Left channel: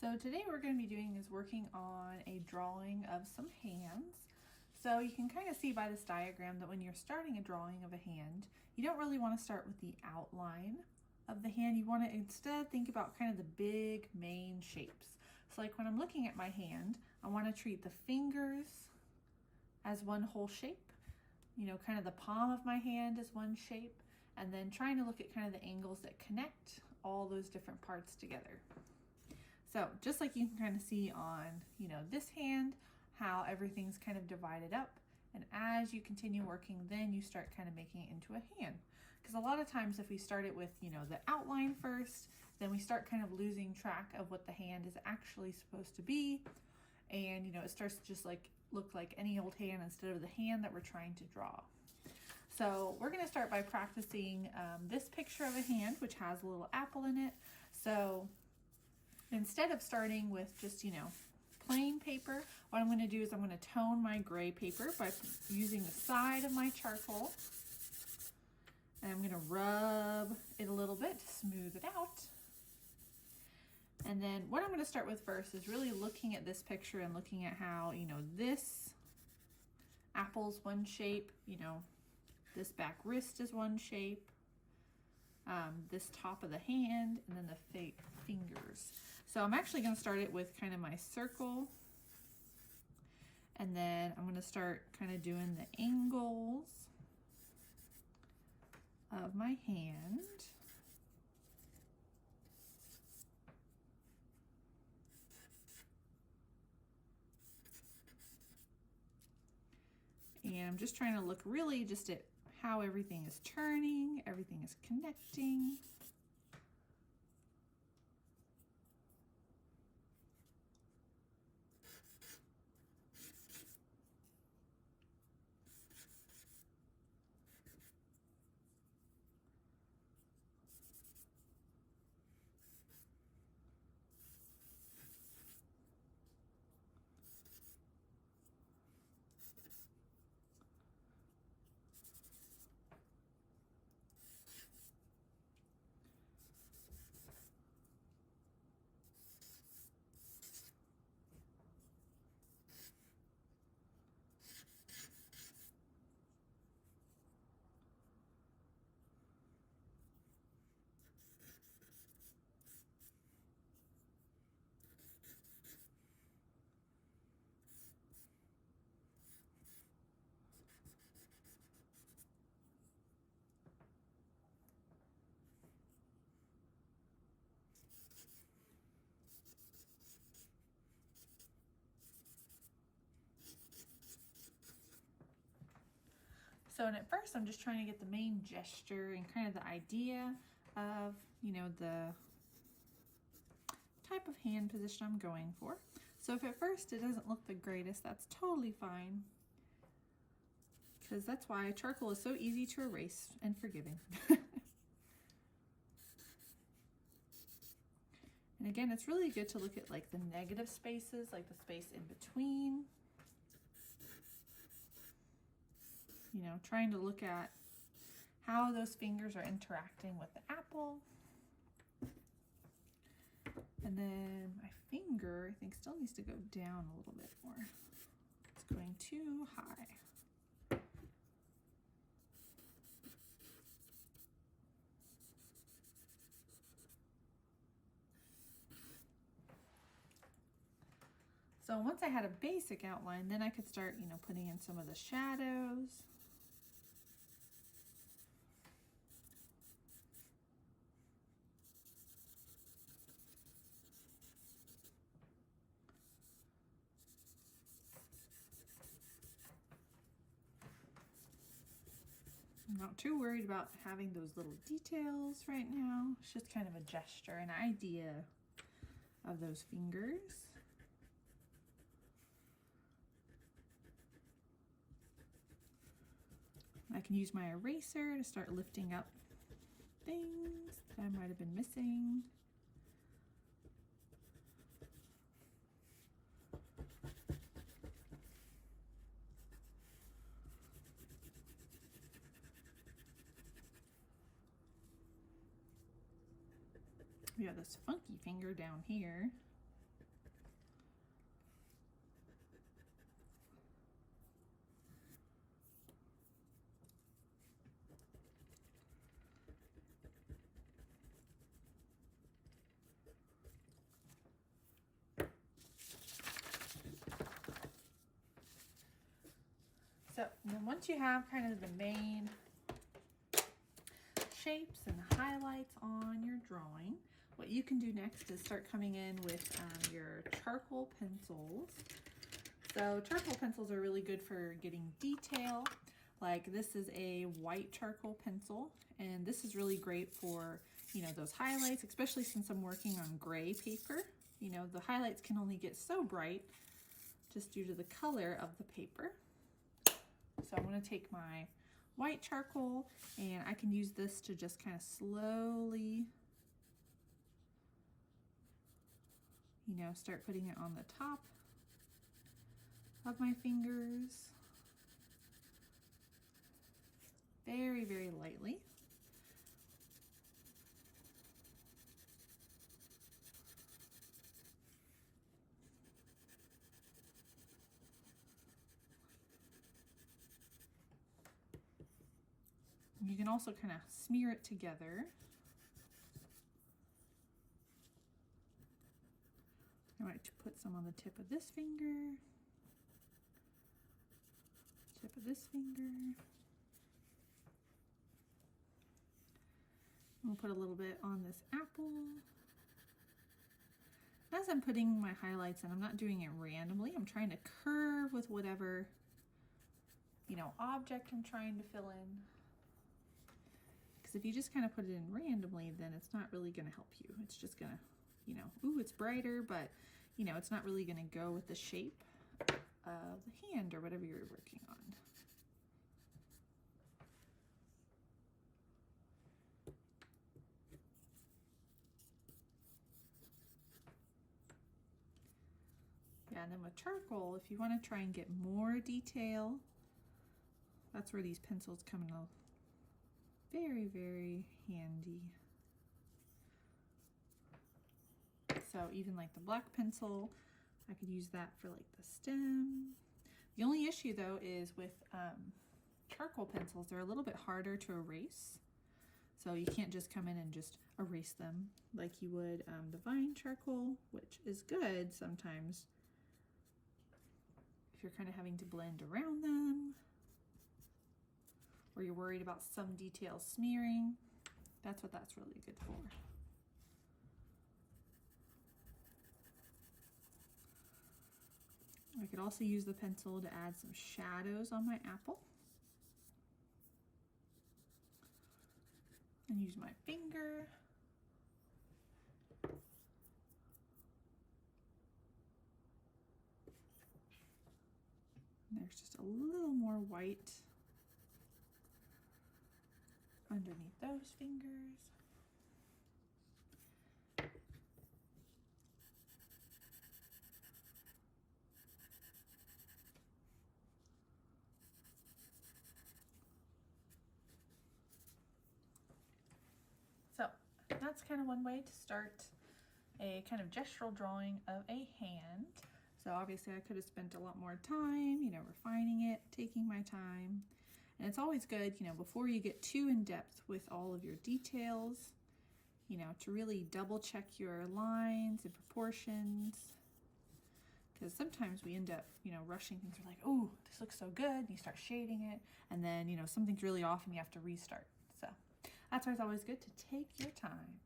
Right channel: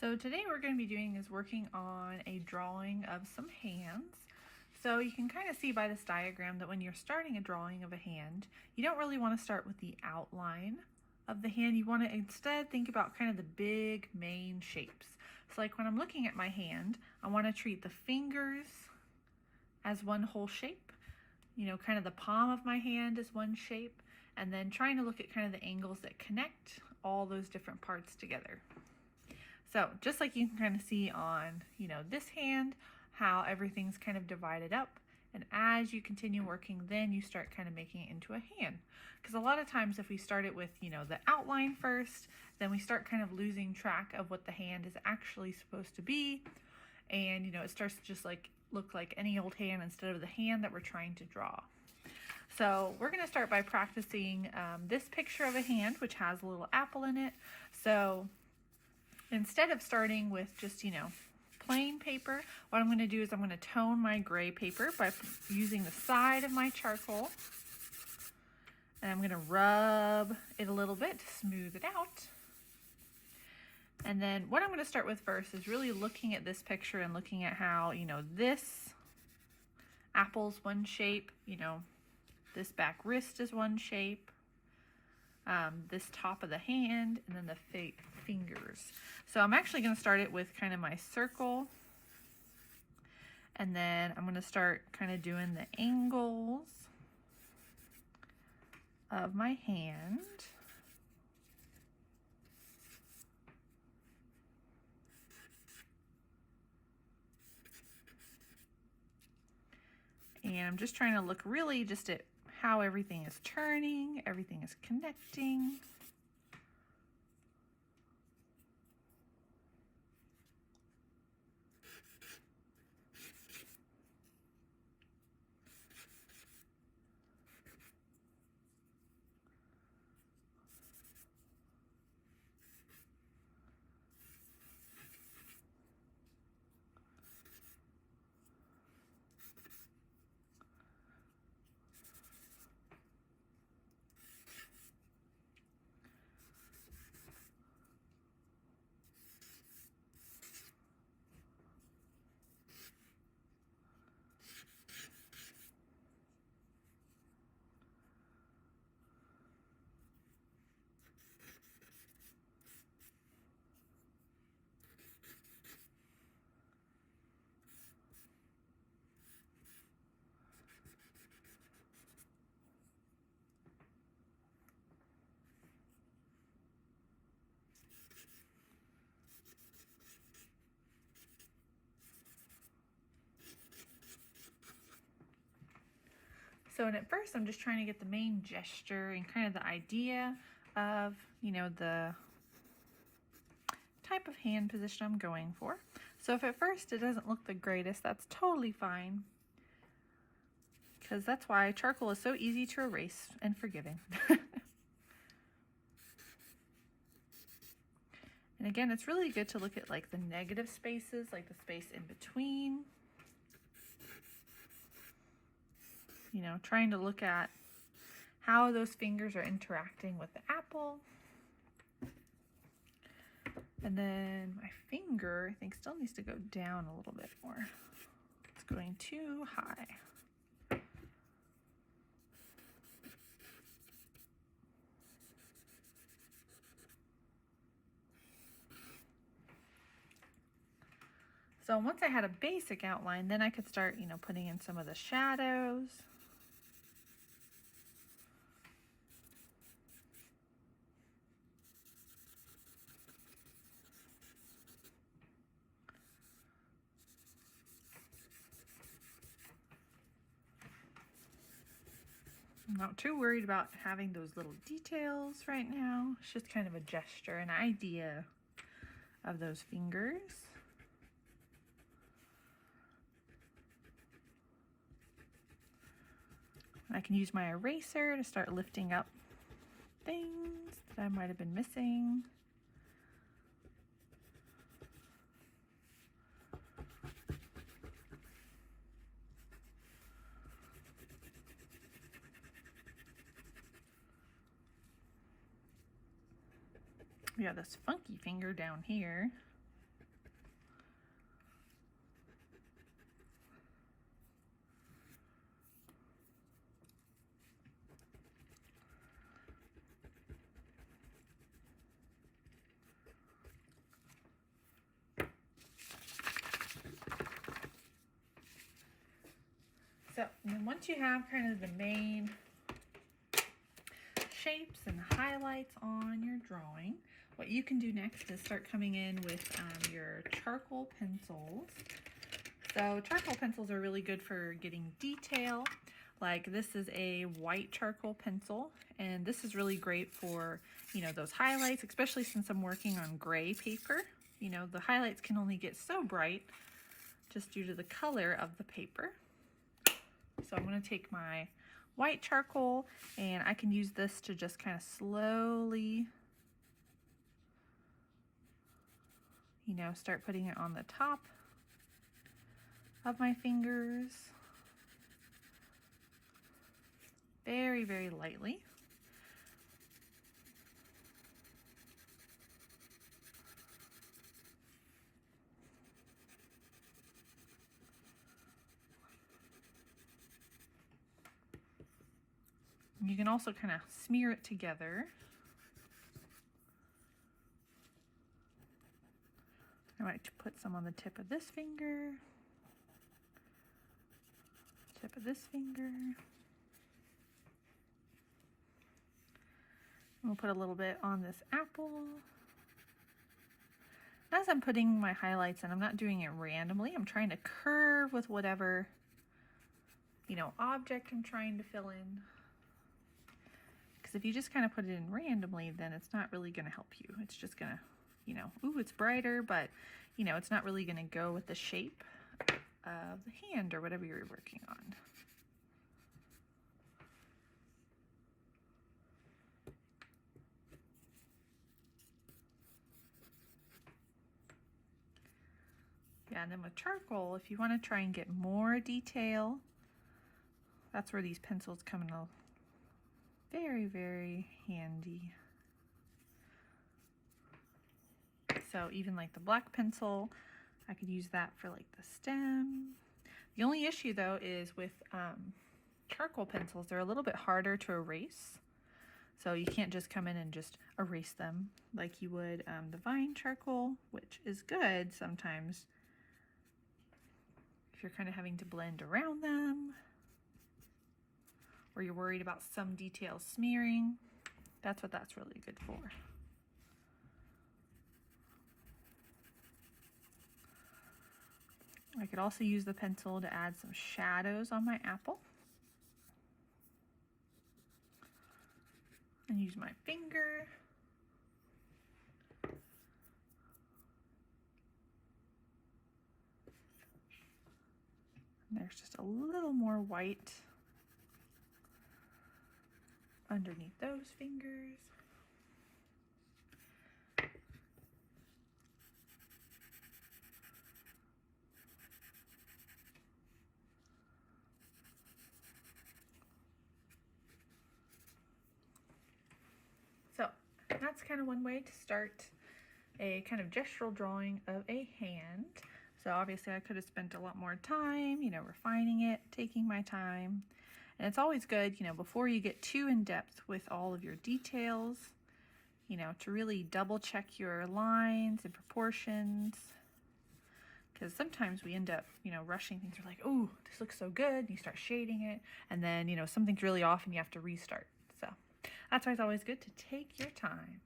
So today we're going to be doing is working on a drawing of some hands. So you can kind of see by this diagram that when you're starting a drawing of a hand, you don't really want to start with the outline of the hand. You want to instead think about kind of the big main shapes. So like when I'm looking at my hand, I want to treat the fingers as one whole shape. You know, kind of the palm of my hand is one shape, and then trying to look at kind of the angles that connect all those different parts together. So just like you can kind of see on, this hand, how everything's kind of divided up. And as you continue working, then you start kind of making it into a hand. Because a lot of times if we start it with, the outline first, then we start kind of losing track of what the hand is actually supposed to be. And, it starts to just look like any old hand instead of the hand that we're trying to draw. So we're going to start by practicing this picture of a hand, which has a little apple in it. So instead of starting with just, plain paper, what I'm going to do is I'm going to tone my gray paper by using the side of my charcoal. And I'm going to rub it a little bit to smooth it out. And then what I'm going to start with first is really looking at this picture and looking at how, this apple's one shape, this back wrist is one shape. This top of the hand, and then the fingers. So I'm actually going to start it with kind of my circle, and then I'm going to start kind of doing the angles of my hand. And I'm just trying to look really just at how everything is turning, everything is connecting. So, and at first I'm just trying to get the main gesture and kind of the idea of, the type of hand position I'm going for. So if at first it doesn't look the greatest, that's totally fine. Because that's why charcoal is so easy to erase and forgiving. And again, it's really good to look at the negative spaces, like the space in between. Trying to look at how those fingers are interacting with the apple. And then my finger, I think, still needs to go down a little bit more. It's going too high. So once I had a basic outline, then I could start, putting in some of the shadows. I'm not too worried about having those little details right now. It's just kind of a gesture, an idea of those fingers. I can use my eraser to start lifting up things that I might have been missing. We got this funky finger down here. And then once you have kind of the main shapes and highlights on your drawing, what you can do next is start coming in with your charcoal pencils. So charcoal pencils are really good for getting detail. Like this is a white charcoal pencil, and this is really great for, you know, those highlights, especially since I'm working on gray paper. You know, the highlights can only get so bright just due to the color of the paper. So I'm going to take my white charcoal, and I can use this to just kind of slowly, you know, start putting it on the top of my fingers. Very, very lightly. You can also kind of smear it together. I like to put some on the tip of this finger, tip of this finger. We'll put a little bit on this apple. As I'm putting my highlights in, I'm not doing it randomly. I'm trying to curve with whatever, you know, object I'm trying to fill in. Because if you just kind of put it in randomly, then it's not really going to help you. It's just going to, you know, ooh, it's brighter, but, you know, it's not really going to go with the shape of the hand or whatever you're working on. Yeah, and then with charcoal, if you want to try and get more detail, that's where these pencils come in very, very handy. So even like the black pencil, I could use that for like the stem. The only issue though is with charcoal pencils, they're a little bit harder to erase. So you can't just come in and just erase them like you would the vine charcoal, which is good sometimes if you're kind of having to blend around them, or you're worried about some details smearing. That's what that's really good for. I could also use the pencil to add some shadows on my apple. And use my finger. And there's just a little more white underneath those fingers. So that's kind of one way to start a kind of gestural drawing of a hand. So obviously I could have spent a lot more time, you know, refining it, taking my time. And it's always good, you know, before you get too in depth with all of your details, you know, to really double check your lines and proportions. Because sometimes we end up, you know, rushing things. We're like, oh, this looks so good. And you start shading it. And then, you know, something's really off and you have to restart. So that's why it's always good to take your time.